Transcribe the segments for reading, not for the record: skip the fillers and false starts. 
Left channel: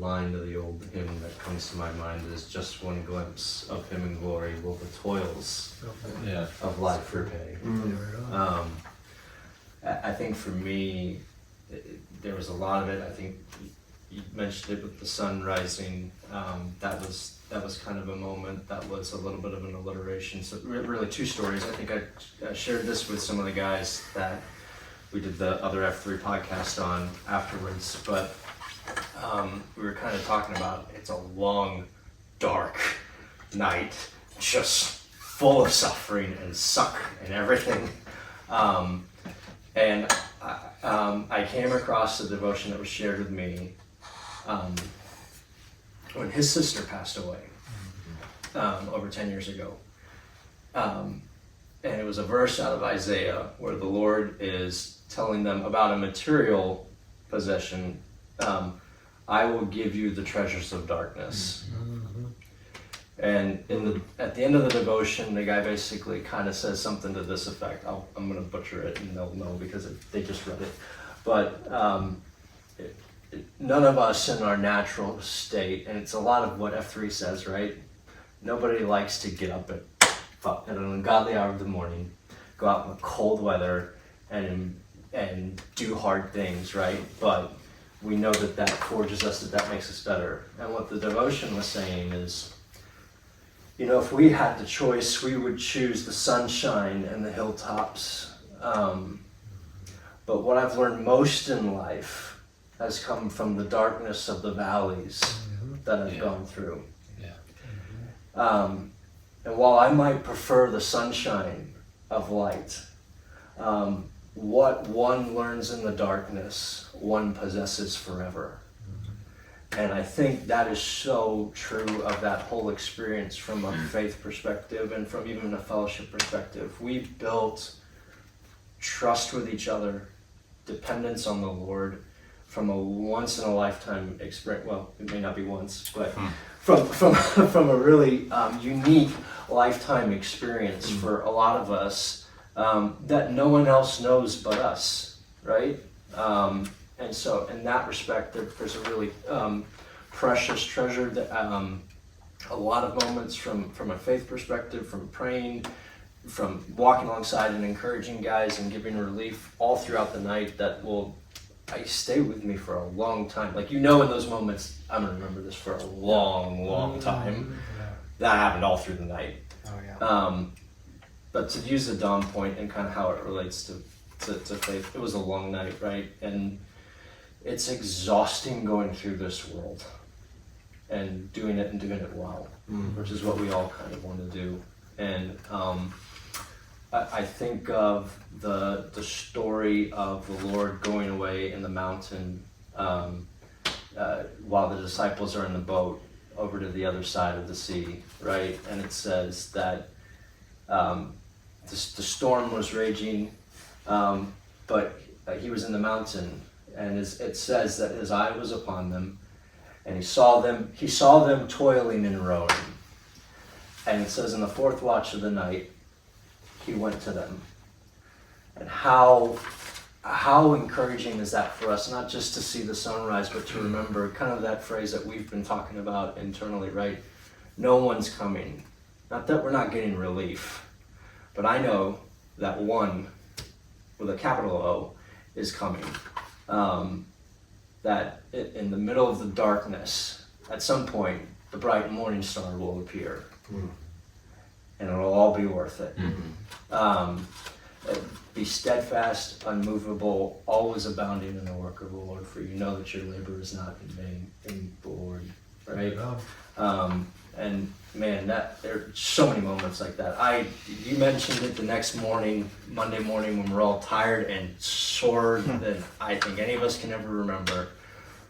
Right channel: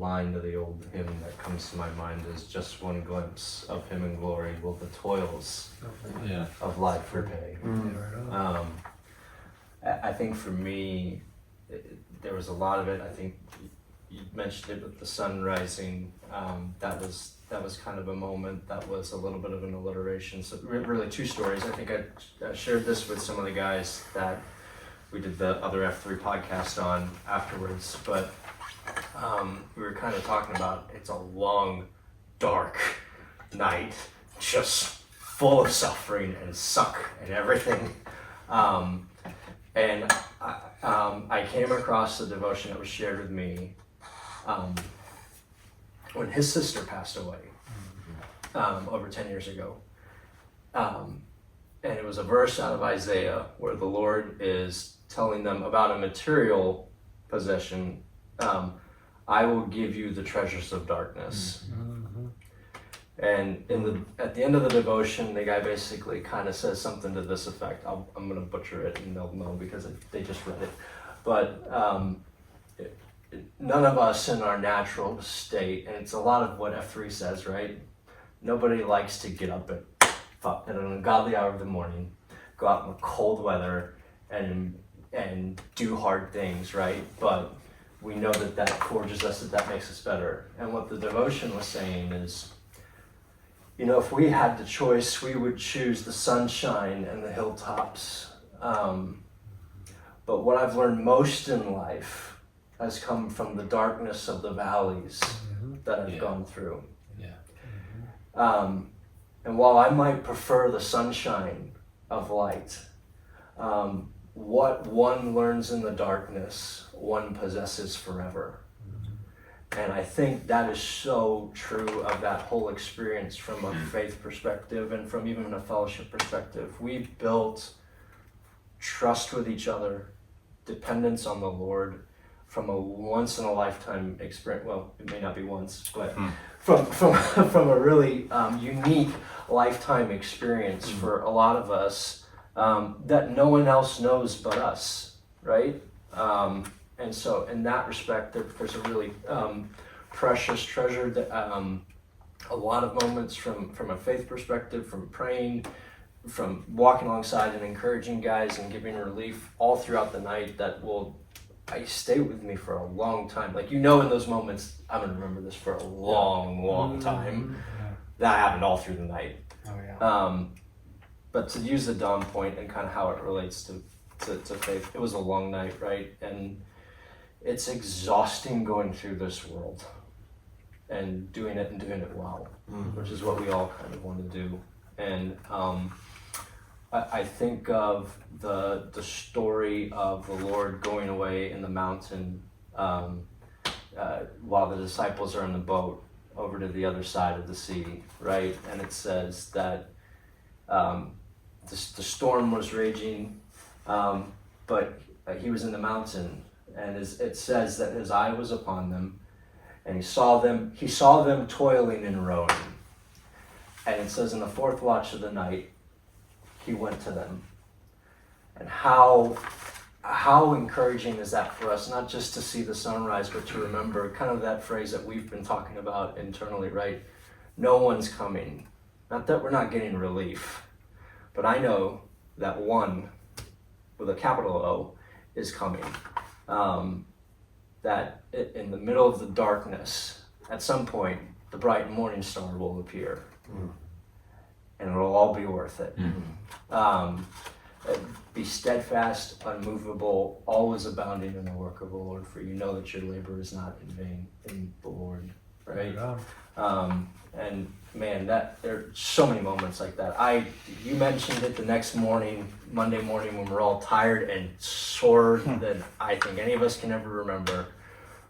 line to the old hymn that comes to my mind is just one glimpse of him in glory will the toils of life repay. I think for me, there was a lot of it. I think you mentioned it with the sun rising. That was kind of a moment that was a little bit of an alliteration. So really two stories. I think I shared this with some of the guys that we did the other F3 podcast on afterwards, but we were kind of talking about it's a long, dark night, just full of suffering and suck and everything. And I came across a devotion that was shared with me when his sister passed away over 10 years ago. And it was a verse out of Isaiah where the Lord is telling them about a material possession. I will give you the treasures of darkness. And at the end of the devotion, the guy basically kind of says something to this effect. I'm going to butcher it and they'll know because they just read it. But none of us in our natural state, and it's a lot of what F3 says, right? Nobody likes to get up at an ungodly hour of the morning, go out in the cold weather and do hard things, right? But we know that forges us, that makes us better. And what the devotion was saying is, if we had the choice, we would choose the sunshine and the hilltops. But what I've learned most in life has come from the darkness of the valleys that I've gone through. And while I might prefer the sunshine of light, what one learns in the darkness, one possesses forever. And I think that is so true of that whole experience from a faith perspective and from even a fellowship perspective. We've built trust with each other, dependence on the Lord from a once-in-a-lifetime experience. Well, it may not be once, but from a really unique lifetime experience for a lot of us that no one else knows but us, right? And so in that respect, there's a really precious treasure that a lot of moments from a faith perspective, from praying, from walking alongside and encouraging guys and giving relief all throughout the night that will stay with me for a long time. Like, in those moments, I'm gonna remember this for a long time. That happened all through the night. But to use the dawn point and kind of how it relates to faith, it was a long night, right? And it's exhausting going through this world and doing it well, which is what we all kind of want to do. And I think of the story of the Lord going away in the mountain while the disciples are in the boat over to the other side of the sea, right? And it says that the storm was raging, but he was in the mountain. And it says that his eye was upon them, and he saw them toiling and rowing. And it says in the fourth watch of the night, he went to them. And how encouraging is that for us, not just to see the sunrise, but to remember kind of that phrase that we've been talking about internally, right? No one's coming. Not that we're not getting relief, but I know that one with a capital O is coming. That in the middle of the darkness, at some point, the bright morning star will appear. And it'll all be worth it. Be steadfast, unmovable, always abounding in the work of the Lord, for you know that your labor is not in vain in the Lord, right? And man, there are so many moments like that. You mentioned it the next morning, Monday morning, when we're all tired and sore than I think any of us can ever remember,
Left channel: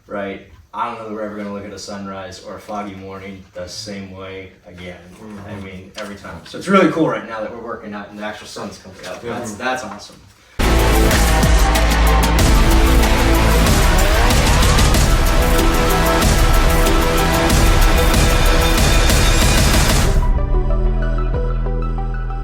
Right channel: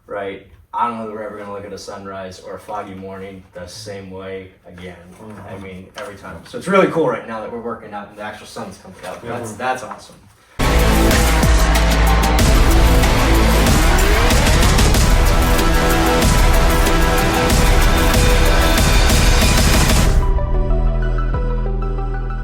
right? I don't know that we're ever going to look at a sunrise or a foggy morning the same way again. I mean, every time. So it's really cool right now that we're working out and the actual sun's coming out. That's awesome.